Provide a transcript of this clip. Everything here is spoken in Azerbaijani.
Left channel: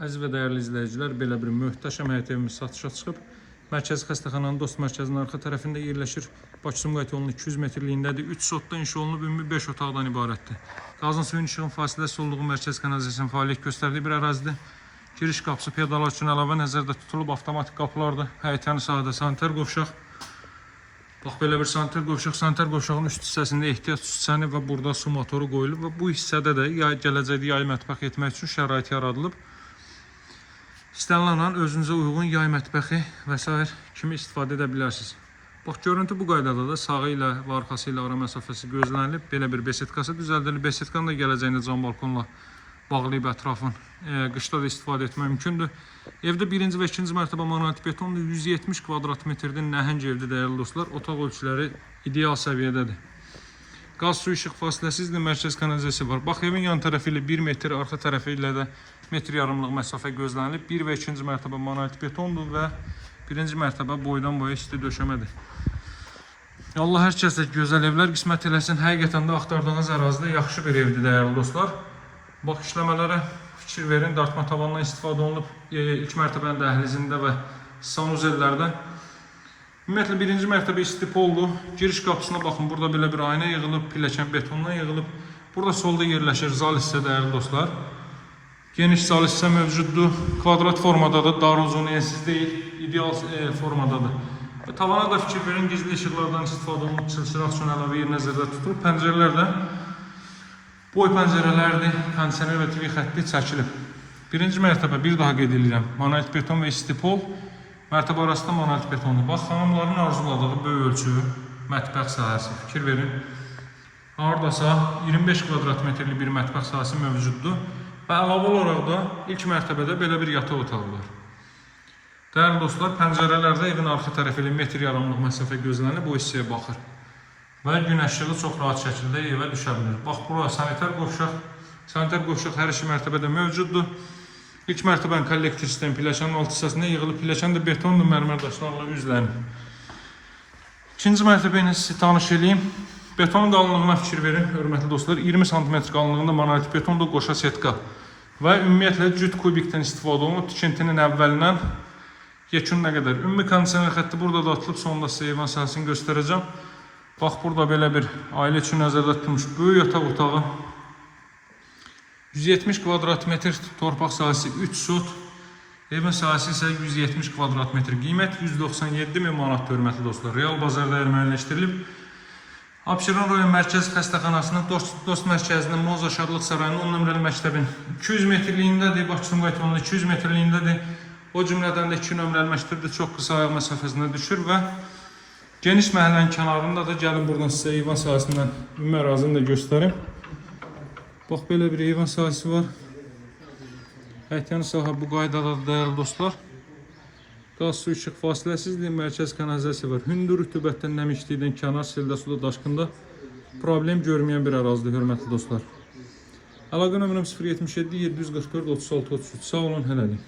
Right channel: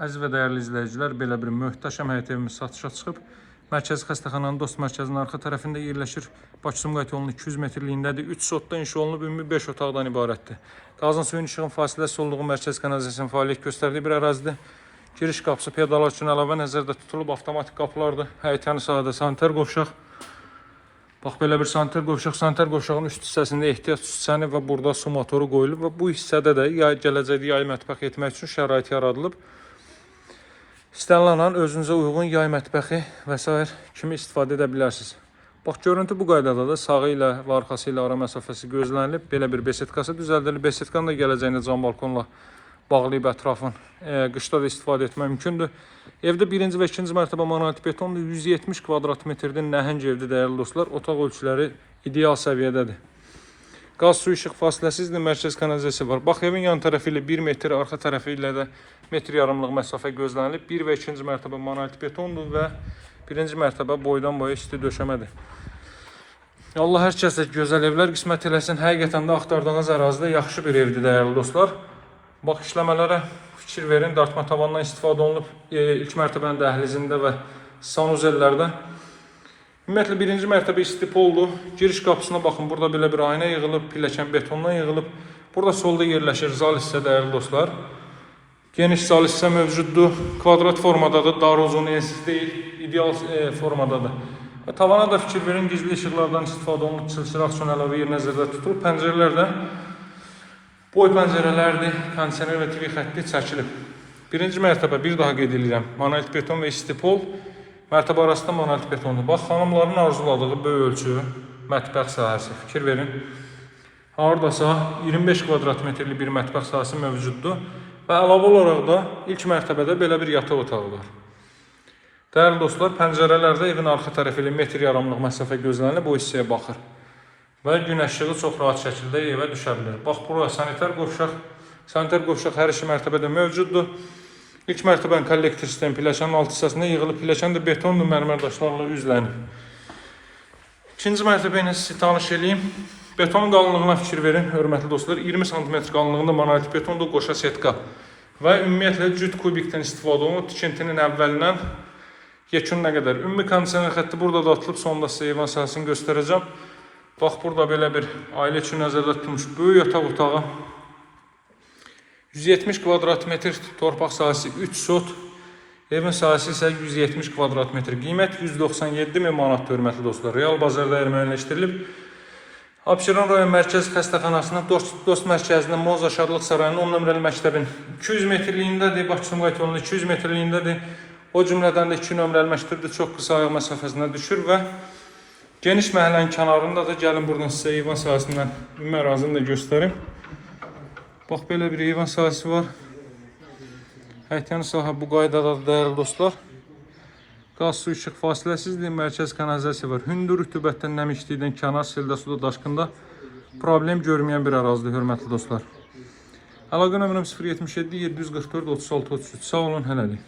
Əziz və dəyərli izləyicilər, belə bir möhtəşəm həyət evimiz satışa çıxıb. Mərkəzi xəstəxananın dost mərkəzinin arxa tərəfində yerləşir. Bakı-Sumqayıt yolunun 200 metrliyindədir. 3 sotdan inşa olunub, ümumi 5 otaqdan ibarətdir. Qazın suyun işığın fasiləsi olduğu mərkəzi kanalizasiyanın fəaliyyət göstərdiyi bir ərazidir. Giriş qapısı pedalar üçün əlavə nəzərdə tutulub, avtomatik qapılardır. Həyətənin sahədə sanitar qovşaq. Bax, belə bir sanitar qovşaq. Sanitar qovşağın üst hissəsində ehtiyat süsəni və burada su motoru qoyulub və bu hissədə də gələcəkdə yay mətbəx etmək üçün şərait yaradılıb. İstənilən an özünüzə uyğun yay mətbəxi və s. kimi istifadə edə bilərsiniz. Bax, görüntü bu qaydada da sağı ilə və arxası ilə ara məsafəsi gözlənilib. Belə bir besetkası düzəldilib. Besetkanın da gələcəyində cam balkonla bağlayıb ətrafın qışda da istifadə etmək mümkündür. Evdə birinci və ikinci mərtəbə monolit betondur. 170 kvadrat metrdə nəhəng evdə dəyərli dostlar. Otaq ölçüləri ideal səviyyədədir. Qaz su işıq fasiləsizdir, mərkəz kanalizasiya var. Bax, evin yan tərəfi ilə 1 metr, arxa tərəfi ilə də 1,5 metrlik məsafə gözlənilib. 1 və 2-ci mərtəbə monolit betondur və 1-ci mərtəbə boydan boya isti döşəmədir. Allah hər kəsə gözəl evlər qismət eləsin. Həqiqətən də axtardığınız ərazidə yaxşı bir evdir, dəyərli dostlar. Bax, işləmələrə fikir verin. Dartma tavandan istifadə olunub. İlk mərtəbənin dəhlizində və sanuzellərdə. Ümumiyyətlə, 1-ci mərtəbə istipoldur. Giriş qapısına baxın, burada belə bir ayna yığılıb, pilləkən betondan yığılıb. Burada solda yerləşir zal hissə, dəyərli dostlar. Geniş zal hissə mövcuddur. Kvadrat formadadır, dar uzun, ensiz deyil, ideal formadadır. Və tavana da fikir verin, gizli işıqlardan istifadə olunub, çılçıraq üçün əlavə yer nəzərdə tutulub. Pəncərələr də boy pəncərələrdir, kondisioner və TV xətti çəkilib. 1-ci mərtəbə, bir daha qeyd edirəm, monolit beton və istipol. Mərtəbə arasında monolit betondur. Bax, xanımların arzuladığı böyük ölçü, mətbəx sahəsi. Fikir verin. Haradasa 25 kvadrat metrlik bir mətbəx sahəsi mövcuddur. Və əlavə olaraq da ilk mərtəbədə belə bir yataq otağı var. Dəyərli dostlar, pəncərələrdə evin arxa tərəfi ilə 1,5 metrlik məsafə gözlənilib, bu hissəyə baxır. Və gün işığı çox rahat şəkildə evə düşə bilir. Bax, bura sanitar qovşaq. Sanitar qovşaq hər iki mərtəbədə mövcuddur. İlk mərtəbənin kollektor sistemi pilləkənin alt hissəsində yığılıb, pilləkən də betondur, mərmər daşlarla üzlənib. İkinci mərtəbə ilə sizi tanış edeyim. Betonun qalınlığına fikir verin, hörmətli dostlar. 20 cm qalınlığında monolit betondur, qoşa setka. Və ümumiyyətlə cüt kubikdən istifadə olunub, tikintinin əvvəlindən yekun nə qədər. Ümumi kondisioner xətti burada da atılıb, sonunda sizə eyvan sahəsini göstərəcəm. Bax, burada belə bir ailə üçün nəzərdə tutulmuş böyük yataq otağı. 170 kvadrat metr torpaq sahəsi 3 sot. Evin sahəsi isə 170 kvadrat metr. Qiymət 197.000 manat, hörmətli dostlar. Real bazarda müəyyənləşdirilib. Abşeron rayon mərkəzi xəstəxanasının dost mərkəzinin Moza Şadlıq Sarayının 10 nömrəli məktəbin 200 metrliyindədir. Bakı-Sumqayıt yolunun 200 metrliyindədir. O cümlədən də 2 nömrəli məktəbdə çox qısa ayaq məsafəsində düşür və geniş məhəllənin kənarında da gəlin buradan sizə eyvan sahəsindən ümumi ərazini də göstərim. Bax, belə bir eyvan sahəsi var. Həyətənin sahə bu qaydadadır, dəyərli dostlar. Qaz su işıq fasiləsizdir, mərkəz kanalizasiya var. Hündür rütubətdən, nəmişlikdən, kənar seldə, suda, daşqında problem görməyən bir ərazidir, hörmətli dostlar. Əlaqə nömrəm 077 744 36 33. Sağ olun, hələlik.